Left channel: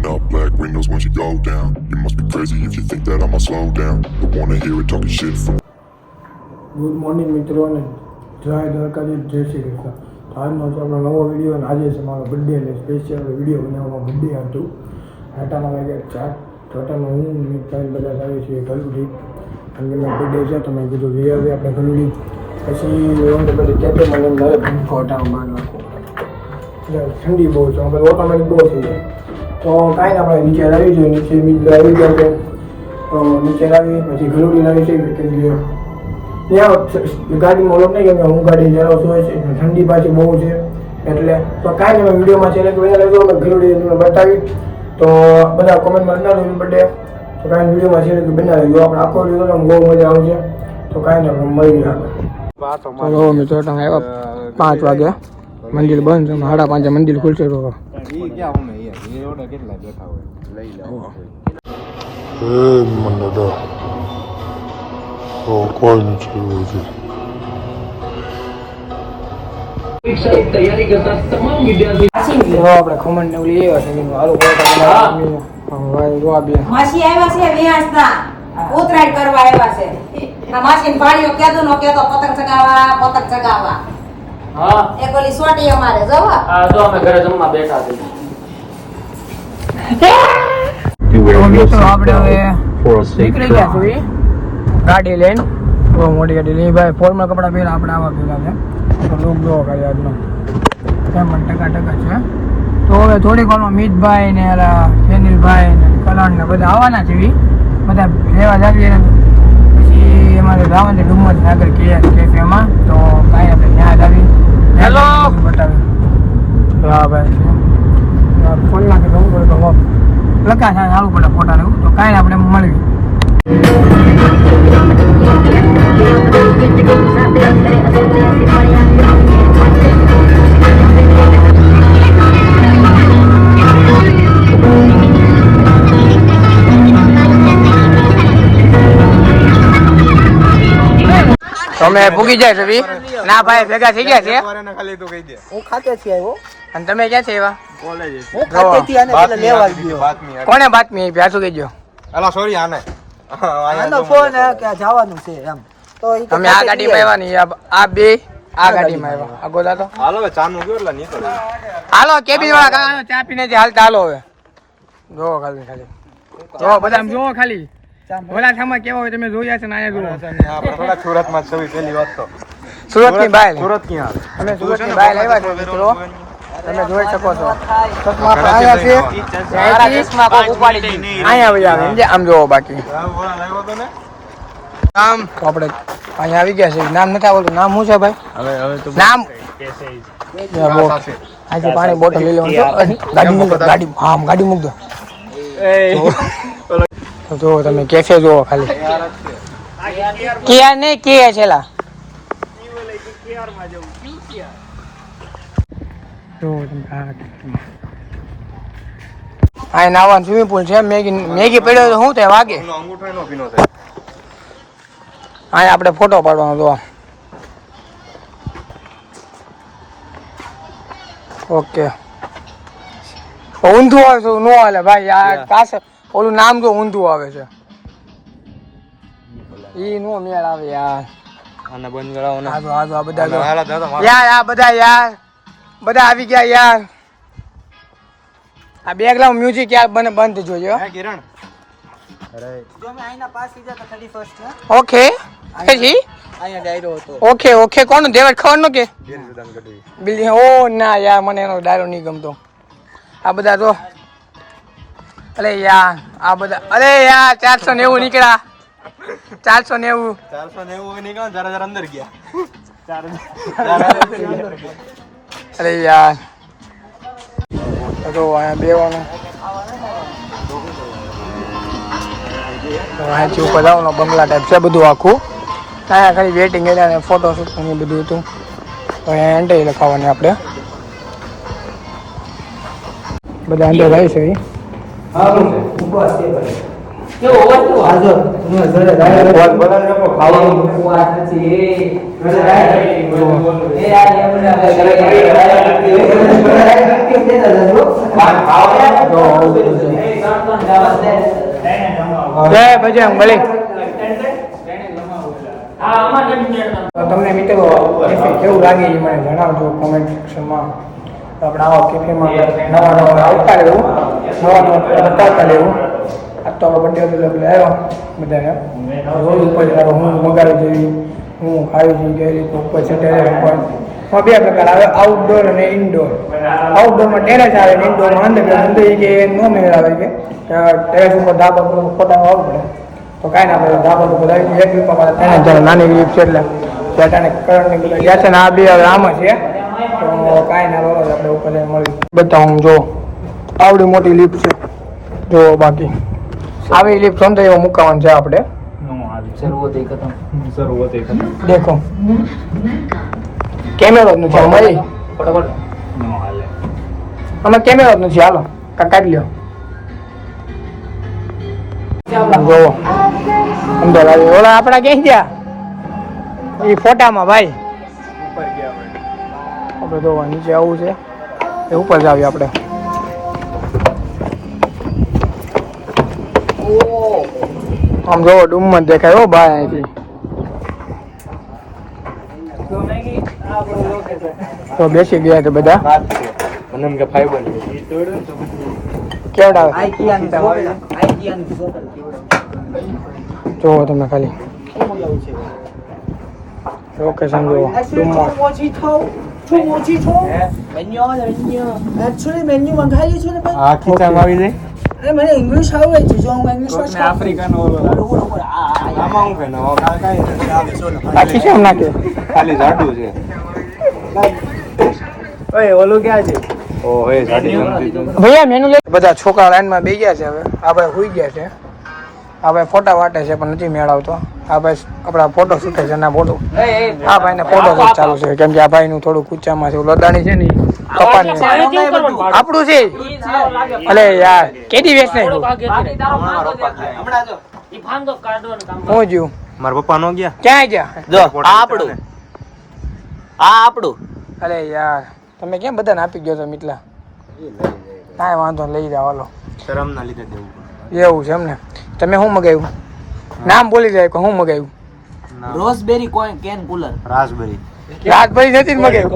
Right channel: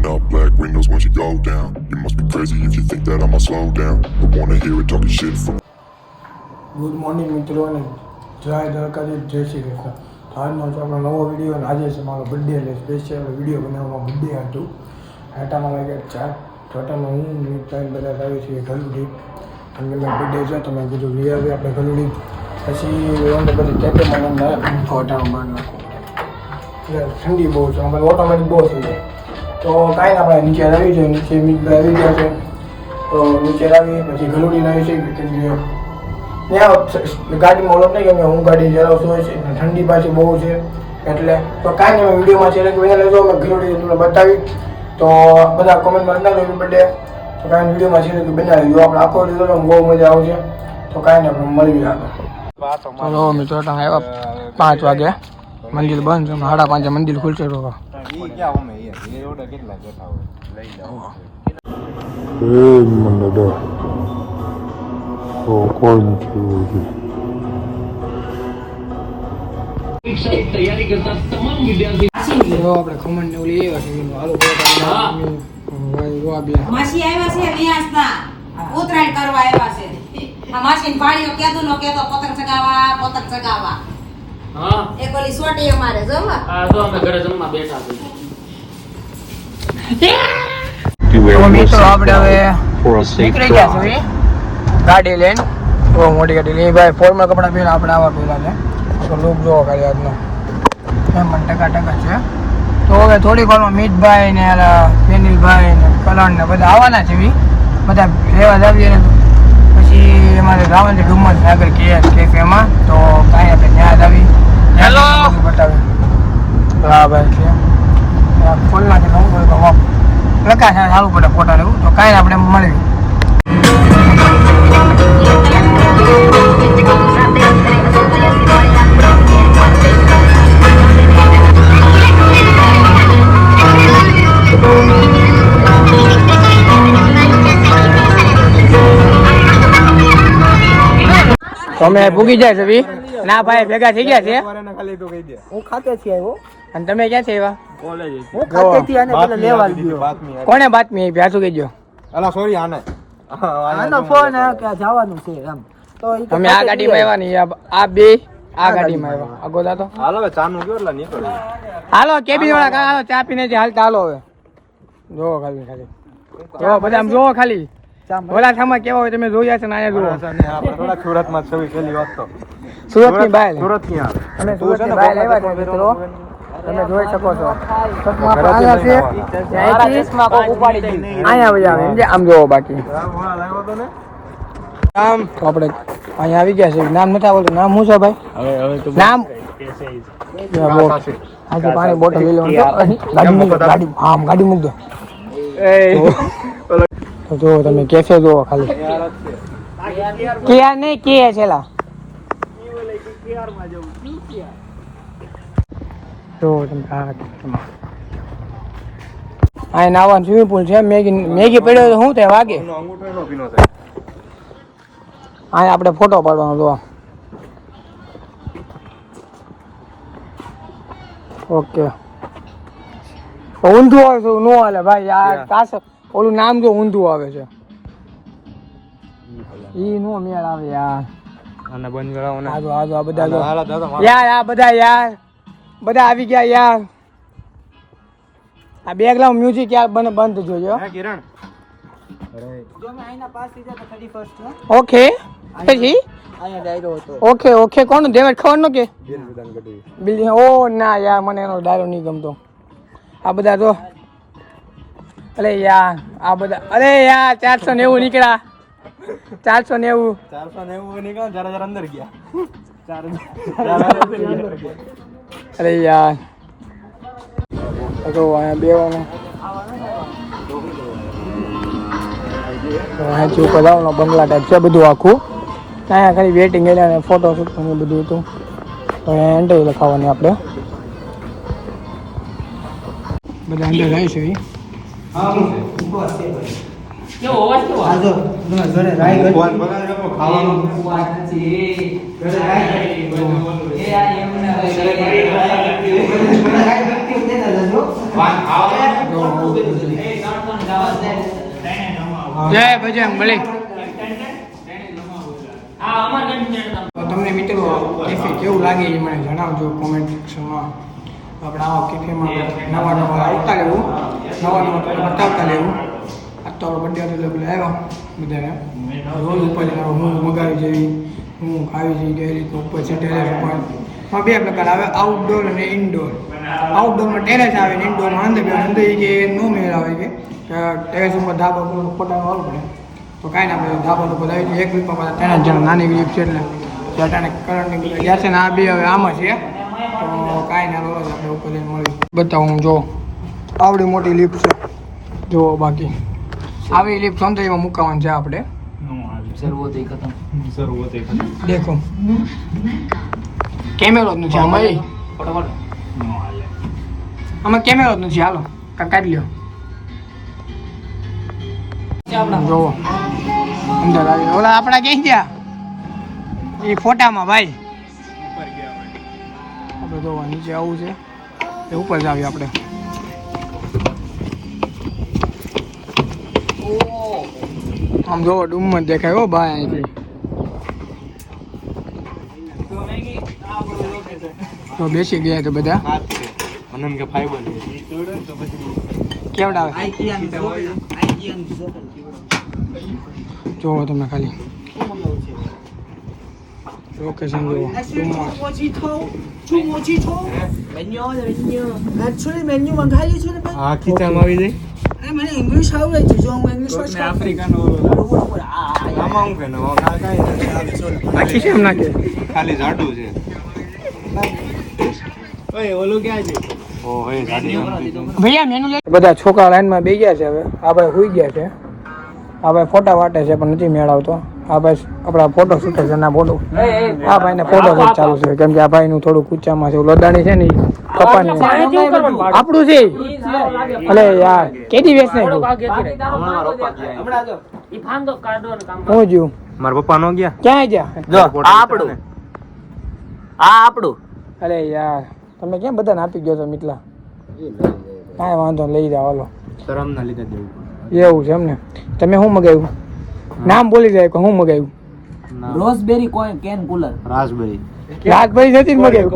Pulling up black windows once you go down. You must be crazy if you think that I'ma slow down. But wanna hear it talking shit for. Good morning મિત્રો અને જય દ્વારકાધીશ, જય શ્રી કૃષ્ણ. આજનો આપણો નવો video અને આજે છે મારો બર્થડે એટલે સ્પેશિયલ વિડીયો બનાવવામાં બર્થડે હતું. આટામાં વાગ્યા 4 ટોટલમાં હું મિત્ર બધા આવ્યો છીએ ગલુડી અને મેં બર્થડે છે તો મેં કીધું વિડીયો આપણે ગલુડી પછી કેફેમાં મને ફોટામાં માર નાખો ઠંડી બહુ છે આપણે ઓટોમેટિક બહુ થઈ જાય તો કાંઈ ના આપણે નીચે આવી જોઈએ. નીચે મિત્ર આવી ગયા છે તો નીચે આવી પછી ગલુડી લાવી છે કેમ કે ત્યાં ગાડીમાં ઓળખ નહીં કેમ કે હું ગાડી ચલાવતો હોય છે ઠંડી પાછી બહુ છે એટલે તો કાંઈ નહીં વિડીયોમાં છે કે લેજો મેં ઘરેડી તમને બતાવી તો બધા કોમેન્ટમાં બનાવ્યું બર્થડે તો કાંઈ વિડીયોમાં છે કે બનાવી દો આપણે આખો લીધો બહુ મજા આવશે તો કાંઈ નહીં આપણે મળી આગળ. તો મિત્રો તમે આવ્યા 5 વાગે મંદિર બંધ છે 5:30 મંદિર ખુલશે તો મંડળ તો કોઈ નથી આપણે કોમેન્ટ ને લઈ આવ્યા છે માસી આવ્યા છે વિયાસના ઉતરાયણ કરવા આવ્યા છે. માસી પાણીઓ કેતો નો કેતો પતંગ ચગાવવા હા એક ઓલી સોટી અમારે જવા હા જો અમે ઘરે જમવા બેઠા છીએ. મિત્રો આપણે હવે નીકળી ગયા છીએ ગાડી લઈને બહુ મોટી ગાડી લઈ ભાઈ ફોર્મલ કપડા પહેલા આપણે આવા પહેલા છે લુક જોવો ખાલી આજનો એમ પણ ટકા છે. તો હવે થોડીક વારમાં મીતભાઈ ને ફેનિલભાઈ ને કરણ ને બધા આવવાના છે બધા લેવા જાવીએ પછી અમારે ગાવાની ડુમ્મસ આગળ કેફેમાં તો કાંઈ આપણે ત્યાં આવી હેલો બતાવી હા ભાઈ ફૂલ નાખે બહુ લખા છે સારું પડે ફોટા લેવું તો કાંઈ આપણે મળવી. તમે ભૂગી જાય છે ના ભાઈ ભેગા થઈ ગયા છે હું ખાતે થી આવ્યો અને તમે ક્યાં છે એવા કોને બાતમી આપી આ શું કહેજો અલા સોરી આને ફોન કે જવાનું છે એમ તો તમે આ ગાડીમાં આવ્યા નહીં આ બે આ ગાડીમાં આવ્યા આગોદા તો હાલો ચાનું ગયો એટલે નીકળ હાલો કેબિન વાળા કાકા ચા પીને જે હાલતા હાલો હવે જોવો ખાલી જો બધા જોવો ખાલી ઓલા થામાં કેવા હોય તમે જોયા છે ને આયા જોવો આપણે થોડા સુરતમાં છવી પહેલી વાત તો સુરત ની બાય સુરત ની હાલ અમે સુરત ની બાય આવ્યા છે મિત્રો તમે જોઈ શકો છો આમ જોવો બાકી આમ આપણે અહીંયા આવી ગયા છે નામ નથી આવડતું નામ શું છે ભાઈ હવે નામ આજે પાણી બોટલ લઈ લેવાનું ગાડી મૂક ગાડી હા ગાડી મૂક દો તો જો તમે કેફે જોવો ખાલી ક્યાં નહીં કે છેલા જો તમે આ નાવાનું સ્વિમિંગ પુલ છે મેગી પડ્યો તો શું થાય વાગે આ આપણે ફોટો પાડવાનો જો ઓકે ઊંધું આવે છે નો હાલે ભાઈ આ કાસે ઓલું નામ જો ઊંધું આવે છે ઈ નો મેળ આવે યાર આને બંધ કરાવો ને આ બધા યાર આ બધા યાર બધા આવી ગયા યાર આ બેકગ્રાઉન્ડ મ્યુઝિક યાર બંધ જોજો હે કિરણ અરે જો મે આઈના પાસ થઈ જતા 31st ને ઓકે જી આયા ડાયરો હતો ઓકે કોણ દેવર ખબર નો કે ગીર સુદાન ગઢવી બિલ્ડિંગ ઓ ના યાર મને એનો ડાયરો નહીં ગમતો આ બધા તો અરે યાર આ બધા અરે યાર 490 નીકળ્યા 490 નીકળ્યા જરા અંદર ગયા અરે યાર તો અહીંયા બેવાનું અહીંથી ઉપર જવાનું બંગલા ટાઈપ છે બધું આખું અહીંયા ખાલી વેટિંગ એરિયા ને ફોટો શૂટ ને બધું હતું તો અહીંયા એન્ટ્રી લખાવવાની આપણે બધા અંદર આવી છે બજરંગ બલી તમને મિત્રો કેવું લાગે એ મને જણાવજો કોમેન્ટ સેક્શનમાં. આપણે આવા કેફેમાં નવા નવા આવતા રહેવું, નવા નવા બતાવતા રહેવું. આ તો બર્થડે આવ્યો બધાને રોજ ઉપર હું મગાવી જોઈએ, હું ખાવી જોઈએ કઈ રીતે ઉપર છે ટેરેસ ઉપર. બે પ્રકાર આવે, આઉટડોર અને ઇન્ડોર. આઉટડોરમાં ટેરેસ આવે ને ઇન્ડોરમાં અંદર કે ન મેળ આવે કે ટેરેસ ઉપર ધાબા પર ફોટા આવવું પડે તો કાંઈ ના પડે. ધાબા ઉપર આવી એક રૂપિયા ત્રણ જણા નાની લીપ છે એટલે શેટાને કરંટની બધા ગયા છે ને આ બે આમાં છે તો કાંઈ ના રોજ આપણે ઉપર મળી બધા. હું જો આવડી મોટી લીપ છે જો, બાકી આવી લીપ સમજાય એવો મુકાવાનું છે આપણે. દેખો કેમેરો જ નથી અમારી, અમે કેમેરો જ નથી. હાલો કાઢી લ્યો જોવો અંદર આવી. ઓલા આપણા ક્યાં ગયા એ ફોટામાં ભાઈ? આપણે જોવા નીચે આવું છે એ ઉપર જ આવીએ આપણે. આમ જોવો ડુમ્મત દેખાય હો ભાઈ અહીંથી. તો બેસી ગયા તો બધા કેવડા જોવો તમે ખાલી લોકેશન જોવો. આ ખીચામાં આવી જાય. મને ઇંગ્લિશ આવડે છે જો હું ઇંગ્લિશ આફ્રિકાનો આમાં હું કઈ નવા બાકી કેમ નાખે ખાલી જાડું છે. ઓય ઓલું ક્યાં છે? ઓ એ જાડી ભૈયા મેનુ લે. બધા છોકરા લાઈનમાં બેસી ગયા છે. હવે આ ભાઈ સુઈ ગયા છે. આ ભાઈ ફોટા વાટે છે પણ નથી મેળવતો. આ ભાઈ આપણા ફોટો શૂટે છે ના ફોટો. આ ભાઈને ફોટો શૂટ ચાલુ છે કેમ કે આ ભાઈનું થોડું કૂચામાં છે. લદાણી છે ને કપાની આપણું છે. અલે યાર કેદી વેચ નહીં હું જ્યું મારા પપ્પા નો ગયા ક્યાં ગયા? જો આ આપણું અરે યાર તમે કેમ બધાને આપી ગયો છો મિતલા? કાંઈ વાંધો લઈ જાઓ હાલો. શરમ ના લીધે દેવું. એવું છે એમ ને? તમે શું મગાવ્યું? નામ બોલી જાય શું મગાવ્યું? રોઝબેરી કેન કુલર, રાસબેરી રાતભરી નથી ને મગાવ્યું?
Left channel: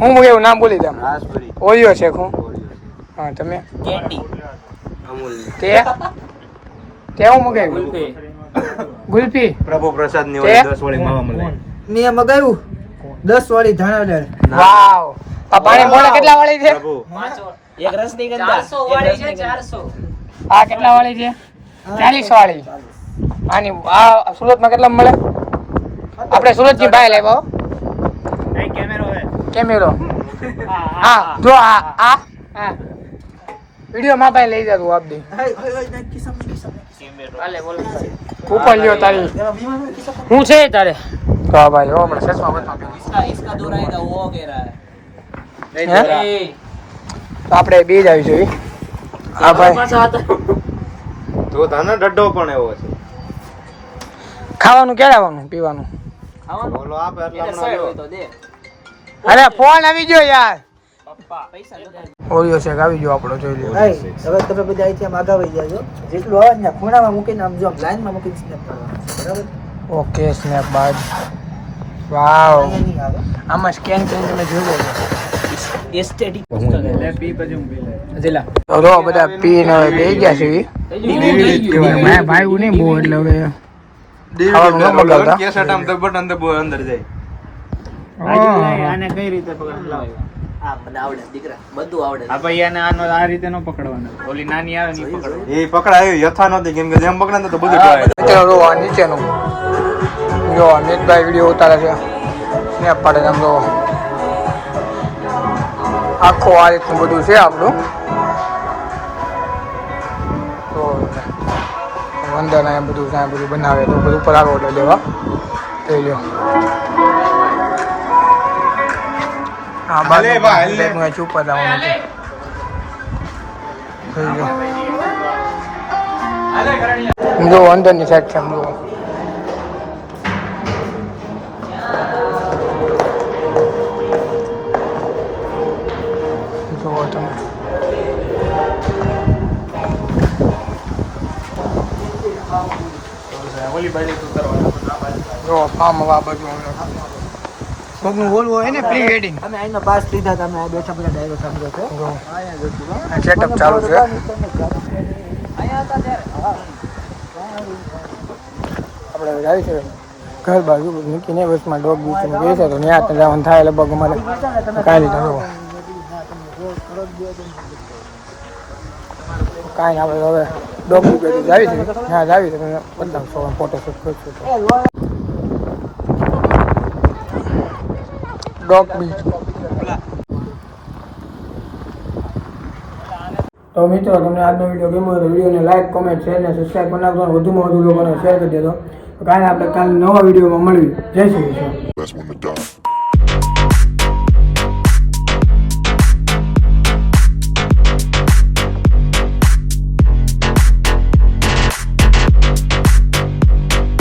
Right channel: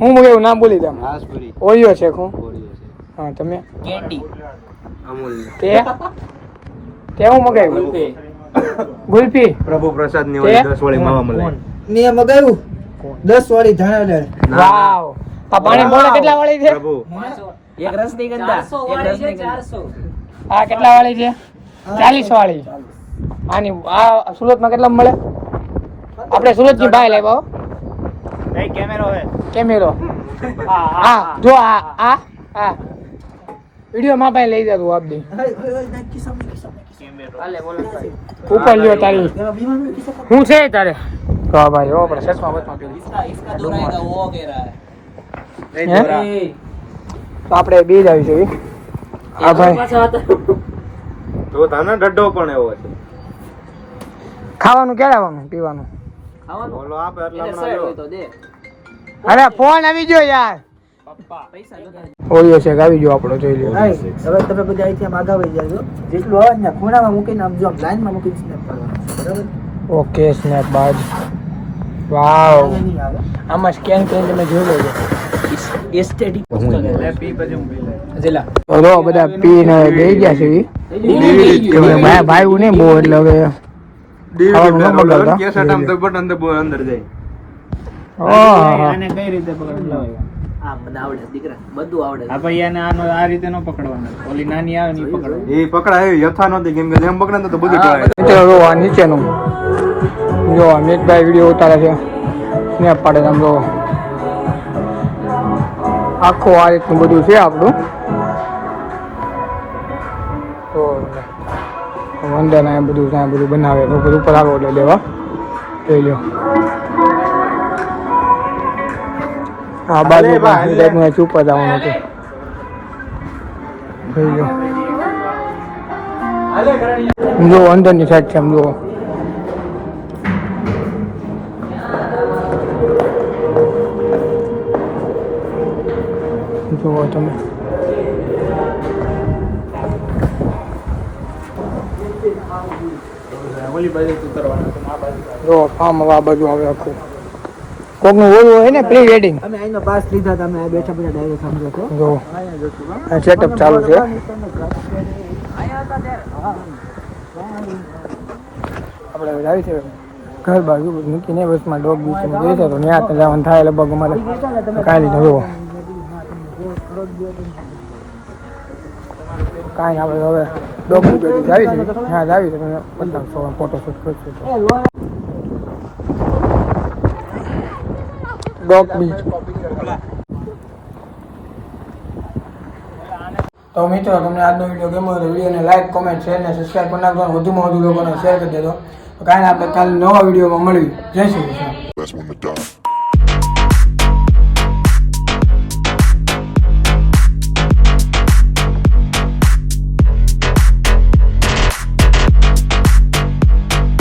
હું મગાવ્યું નામ બોલી દે. રાસબેરી ઓરિયો છે હું. હા તમે કેન્ડી, તે હું મગાવ્યું? ગુલ્ફી. પ્રભુ પ્રસાદ ની તે? 10 વાળી માવા મળે. મેં મગાવ્યું 10 વાળી ધાણા. વાવ. આ પાણી બોટલ કેટલા વાળી છે? પ્રભુ એક રસનીગંધા 400 વાળી છે 400. આ કેટલા વાળી છે? 40 વાળી. આની આ સુરતમાં કેટલા મળે? આપણે સુરત ની બહાર લાવ્યો કેમેરો. હા જો આ વિડિયો માં ભાઈ લઈ જતું આપ દે ઉપર લ્યો તારી શું છે તારે? તો આ ભાઈ આપણે સચમાં બતાવ્યું. इसका दोहराएगा वो कह रहा है તો આપણે બે જ આવી જોઈએ. આ ભાઈ તો તાનો ડડ્ડો પણ એવો છે. ખાવાનું ક્યારે આવવાનું પીવાનું? ઓલો આપે એટલે એટલે હમણાં સર તો દે અરે ફોન આવી ગયો યાર. ઓરિયો શેક આવી ગયો આપણો જોઈ લ્યો. હવે તમે બધા અહીંથી આમ આગળ વહી જાજો. જેટલું આવે ને ખૂણામાં મૂકીને આમ જો લાઈનમાં મૂકીને સ્નેપ કરવાનો બરાબર? ઓકે સ્નેપ બાદ. વાવ અહીંયા નહીં આવે. આમાં સ્કેન કરીને તમે જોઈ લેજો. એસ્થેટિક તો જો બધા પીને હવે બેસી ગયા છે ઈ. ભાઈ ભાઈ નહીં બહુ એટલે હવે ખાવાનું ન મગાવતા. કેસેટ આમ બટન દબો અંદર જાય. ઓહ આ મને આવડે દીકરા, બધું આવડે. એ પકડાય યથા નથી કેમ કે જેમ પકડે ને તો બધું કહેવાય. મિત્રો જો આ નીચેનું જો અમિતભાઈ વિડીયો ઉતારે છે સ્નેપ પાડે આમ જો આખું આ રીતનું બધું છે આપણું. તો વંદના એ બધું ત્યાં બધું બનાવે તો બધું ઉપર આગળ એટલે લેવા જોઈ લો. આ બાજુ ટાઈપનું અહીં ઉપર જવાનું છે જોઈ લો. જો અંદરની સાઈડ છે આમ જુઓ. જુઓ તમે જો ફાર્મ આ બાજુ આવે આખું કોકનું ઓલું હોય ને પ્રી વેડિંગ અમે અહીંનો પાસ લીધા હતા, અમે આ બેઠા બધા ડ્રાઈવર સમજો છો. જો આ સેટઅપ ચાલુ છે. આપણે આવી છે ઘર બાજુ મૂકીને બસમાં ડોગ બીચ ગઈ છે તો ત્યાં જવાનું થાય લગભગ અમારે કાંઈ નહીં જોવો કાંઈ આપણે હવે ડોગ બીચ જાવી છે ત્યાં જાવી છે પતંગ ફોટોશૂટ કરશું ડોગ બીચ. તો મિત્રો તમને આજનો વિડીયો ગમ્યો હોય તો વિડીયોને લાઈક કોમેન્ટ શેર ને સબસ્ક્રાઈબ કરી નાખજો. વધુમાં વધુ લોકોને શેર કરી દેજો. તો કાંઈ આપણે કાલે નવા વિડીયોમાં મળવી. જય Shri Krishna. Last one to die.